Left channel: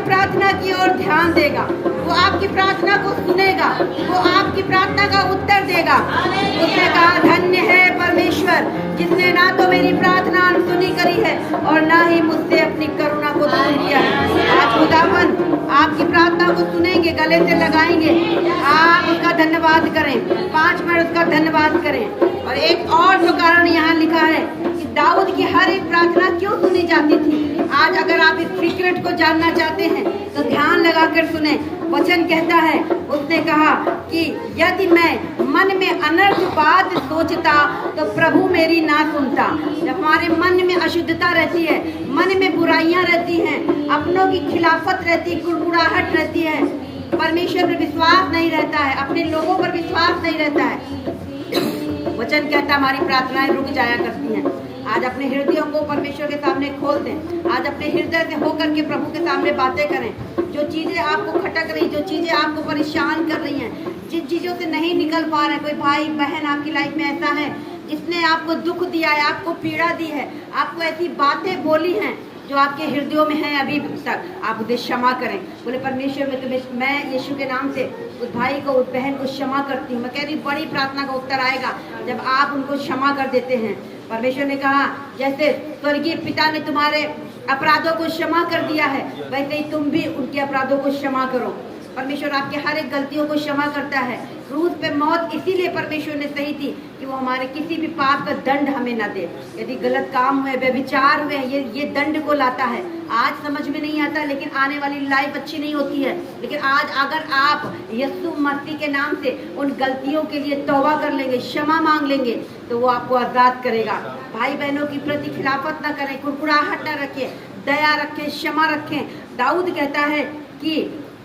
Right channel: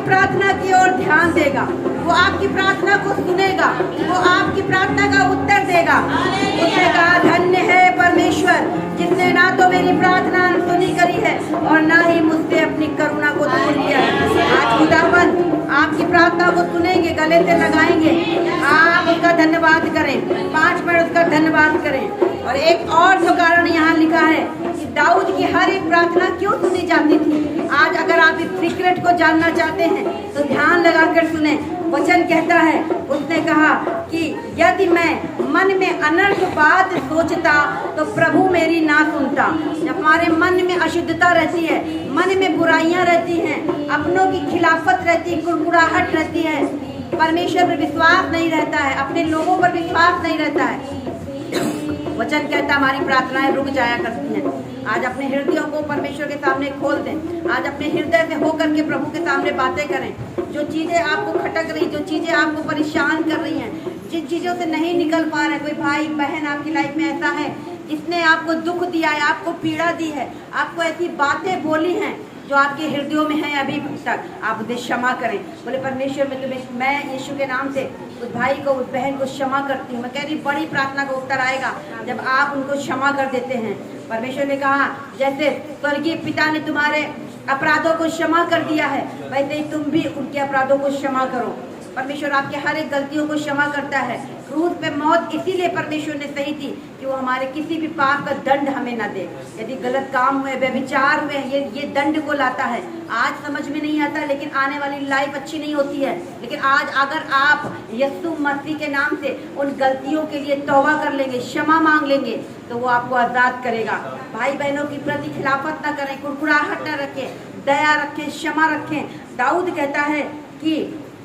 आपकी प्रार्थना की ओर ध्यान देगा, वो आपकी प्रार्थना को सुनेगा, वो आपकी प्रार्थना का उत्तर देगा। उसने कहा धन्य है परमेश्वर जिसने ना तो मेरी प्रार्थना अनसुनी करी है और ना ही मुझसे अपनी करुणा को दूर किया है। आज खुदावन आपकी प्रार्थना को सुनेंगे, गले से लगाएंगे, आप उसका धन्यवाद करें, 5 मिनट उसका धन्यवाद करें। और एक और जो कारण यहाँ लिखा है कि दाऊद की हर एक प्रार्थना क्यों सुनी जाती थी। आज अगर आप इस सीक्रेट को जानना चाहते हैं तो ध्यान लगाकर सुने। वचन कहता है, उसने कहा कि यदि मैं मन में अनर्थ बात सोचता तो प्रभु मेरी ना सुनता। जब हमारे मन में अशुद्धता रहती है, मन में बुराइयां रहती हैं, अपनों की खिलाफत रहती है, कुड़कुड़ाहट रहती है, परमेश्वर पर विश्वास नहीं रहता है, अपने लोगों पर विश्वास नहीं रहता है, वचन कहता हमारी प्रार्थनाएं रुक जाया करती हैं। आज अपने हृदयों को परमेश्वर के सामने खोल दें। आज अपने हृदय से होकर के प्रभु के सामने बातें करें। जो चीजें आपको खटक रही, जो चीजें आपको परेशान कर रही हैं, जिन चीजों से नहीं निकल पा रहे, कोई भाई बहन आपकी लाइफ में ऐसा है जिसने आपको दुख दिया है, आपको पीड़ा दी है, आपको ऐसी बातें बोली हैं जो आपके हृदयों में है अभी तक, आप उसे क्षमा करें। बोले परमेश्वर मैं यीशु के नाम से उस भाई को, उस बहन को क्षमा करती हूँ। मैं कह रही बड़ी प्रार्थना का उत्तर आएगा जब आप उनको क्षमा कर देते हैं। परमेश्वर ने कहा जैसे स्वर्गीय पिता ने तुम्हारे अपराधों को क्षमा कर दिया है, वैसे ही तुम भी उनके अपराधों को क्षमा करो। परमेश्वर आपके हर एक गलतियों को क्षमा करता है। क्रूस पे मौत इसीलिए परमेश्वर ने सही थी कि वो हमारे किसी भी पाप का दंड हमें न दे। यदि गलत काम हुए, व्यभिचार हुए, ये दंड को लाता है। आज समझ में नहीं आता, लेकिन आने वाली लाइफ अच्छी नहीं होती है। लेकिन आज अगर आप यीशु मसीह के नाम से उन गलतियों के लिए तौबा कर लेंगे, क्षमा मांग लेंगे, तो वो आपको आजाद करेगा। भाई बहनों की प्रति खिलाफत न करें, कुड़कुड़ाहट न रखें, दया रखें, क्षमा रखें। दाऊद कहता है कि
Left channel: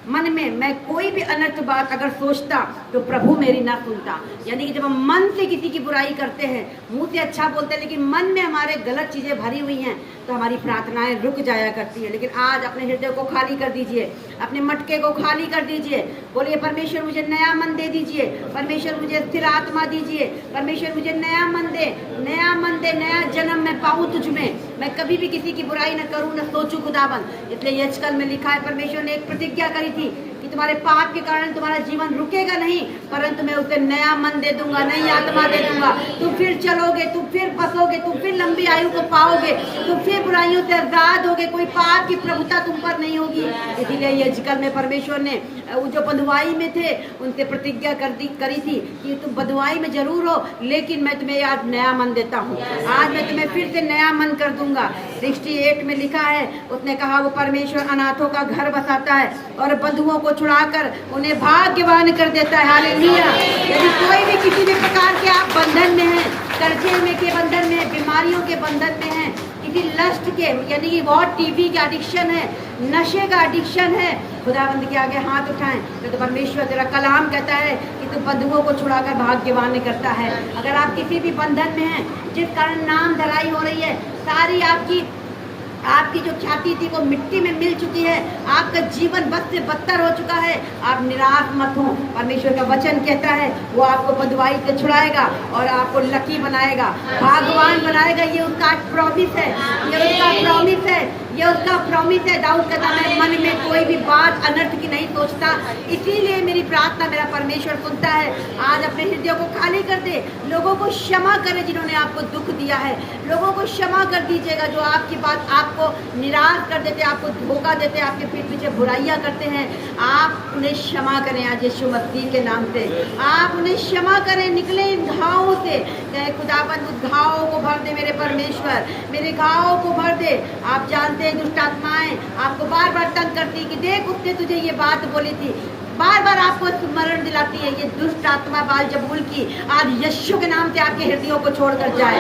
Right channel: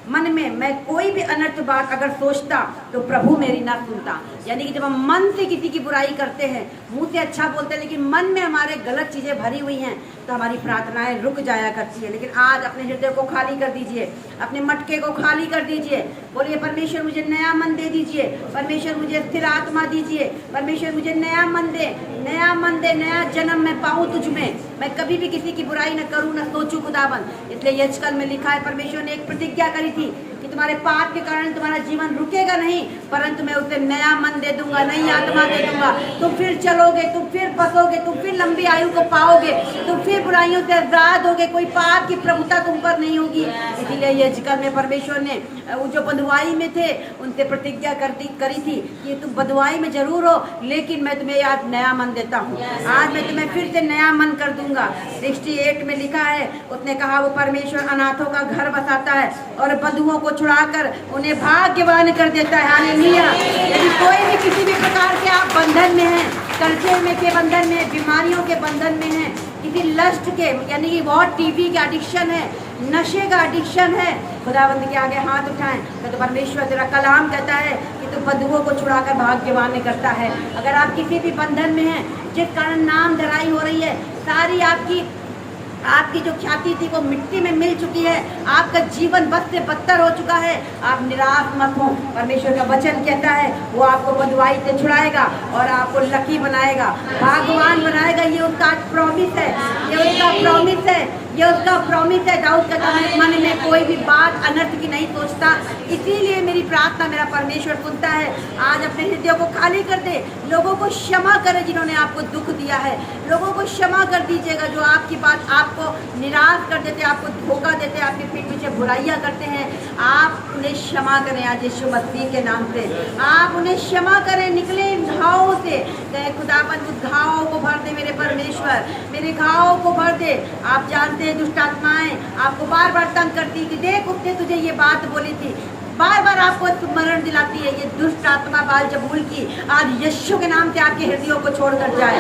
मन में मैं कोई भी अनर्थ बात अगर सोचता तो प्रभु मेरी ना सुनता। यानी कि जब हम मन से किसी की बुराई करते हैं, मुंह से अच्छा बोलते हैं, लेकिन मन में हमारे गलत चीजें भरी हुई हैं, तो हमारी प्रार्थनाएं रुक जाया करती है। लेकिन आज अपने हृदय को खाली कर दीजिए, अपने मटके को खाली कर दीजिए। बोलिए परमेश्वर मुझे नया मन दे दीजिए, परमेश्वर मुझे स्थिर आत्मा दीजिए, परमेश्वर मुझे नया मन दे, नया मन दे, नया जन्म मैं पाऊँ तुझ में। मैं कभी भी किसी की बुराई न करूँ, न सोचूं खुदावन। इसलिए यजकल में लिखा है, परमेश्वर ने एक प्रतिज्ञा करी थी कि तुम्हारे पाप के कारण तुम्हारा जीवन रुकेगा नहीं, परंतु मैं उसे नया मन दे दूंगा, नई आत्मा दे दूंगा। तुम फिर चलोगे, तुम फिर बसोगे, तुम फिर लंबी आयु को पाओगे, तुम फिर बुराइयों से आजाद होगे, कोई पाप की प्रभुता तुम पर नहीं होगी। इसीलिए यजकल में परमेश्वर ने जो बंधुआई में थे उनसे प्रतिज्ञा करी थी कि तुम बंधुआई में जरूर हो, लेकिन मैं तुम्हें आज नया मन देता हूँ। आज मैं तुम्हें फिर से नया मन कर दूंगा। 68 में लिखा है, उसने कहा वो परमेश्वर अनाथों का घर बसाता है और बंधुओं को छुड़ाकर उन्हें भाग्यवान कर देता है। हालेलुया। यदि कोई भी किसी भी प्रकार के आप बंधन में हैं, कर्जे में के बंधन में, बीमारियों के बंधन में हैं, किसी लस्ट के, यानी कि बहुत टीवी का एडिक्शन है, नशे का एडिक्शन है, खुदावंद के आगे हाथ उठाएं। तो परमेश्वर तेरा कलाम कहता है कि तू बंधुओं को छुड़ाकर भाग्यवान करता है। अगर आप किसी भी बंधन में हैं जिस कारण नाम धराई हो रही है, सारी आपकी जो ख्याति थी वो मिट्टी में मिल चुकी है, आपका जीवन बद से बदतर हो चुका है, आप निराश मत हो। परमेश्वर का वचन कहता है वो आपको बंधुआई से छुड़ाएगा और आपको लकी बनाएगा, भाग्यवान बनाएगा। ये उसका प्रॉमिस है, ये उसका प्रॉमिस है, ये उसका प्रॉमिस है। दाऊद कहता है मन में कोई भी बात अनर्थ की नहीं सोचता, इसीलिए मेरी प्रार्थना मेरा परमेश्वर सुनता है। आज अपने हृदय को खाली कर दे, लोगों को क्षमा करे जिन्होंने आपको दुख दिया है, लोगों को क्षमा कर दीजिएगा जो आपकी बात आपको निराश कर देते, आपको धोखा देते, आपके पीठ पीछे बुराइयां करते हैं। आप उन्हें क्षमा करें आज यीशु मसीह के नाम से, आप उन्हें क्षमा करें। निकले इन घावों से, कहे खुदाबंद उस घावों को भर दे मेरे परमेश्वर, मेरे घावों को भर दे। आप जानते हैं दुष्ट आत्माएं आपको बार बार तंग करती कि देख उसने तुझे ये बात बोली थी, बार बार आपको स्मरण दिलाती है। ये दुष्ट आत्मा बाल जबूल की आज यीशु के नाम से आपके हृदयों को छोड़कर जाए।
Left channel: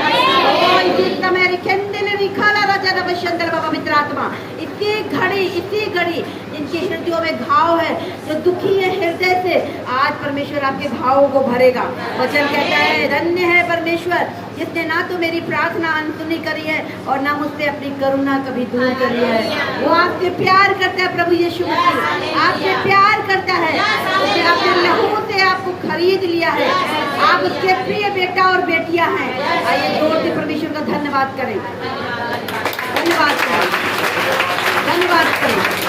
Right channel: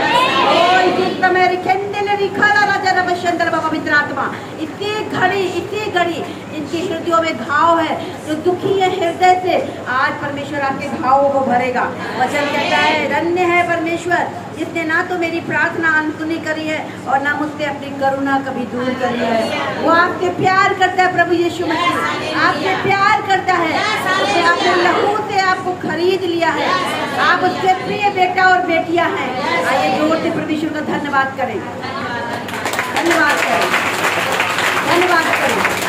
मित्र आत्मा इसी घड़ी इनके हृदयों में घाव है, जो दुखी है हृदय से, आज परमेश्वर आपके घावों को भरेगा। वचन कहता है धन्य है परमेश्वर जिसने ना तो मेरी प्रार्थना अनसुनी करी है और ना मुझसे अपनी करुणा कभी दूर करी है। वो आपसे प्यार करता है, प्रभु यीशु मसीह आपसे प्यार करता है, उसने अपने लहू से आपको खरीद लिया है, आप उसके प्रिय बेटा और बेटियां हैं। आइए जोर से परमेश्वर का धन्यवाद करें, धन्यवाद करें, धन्यवाद करें।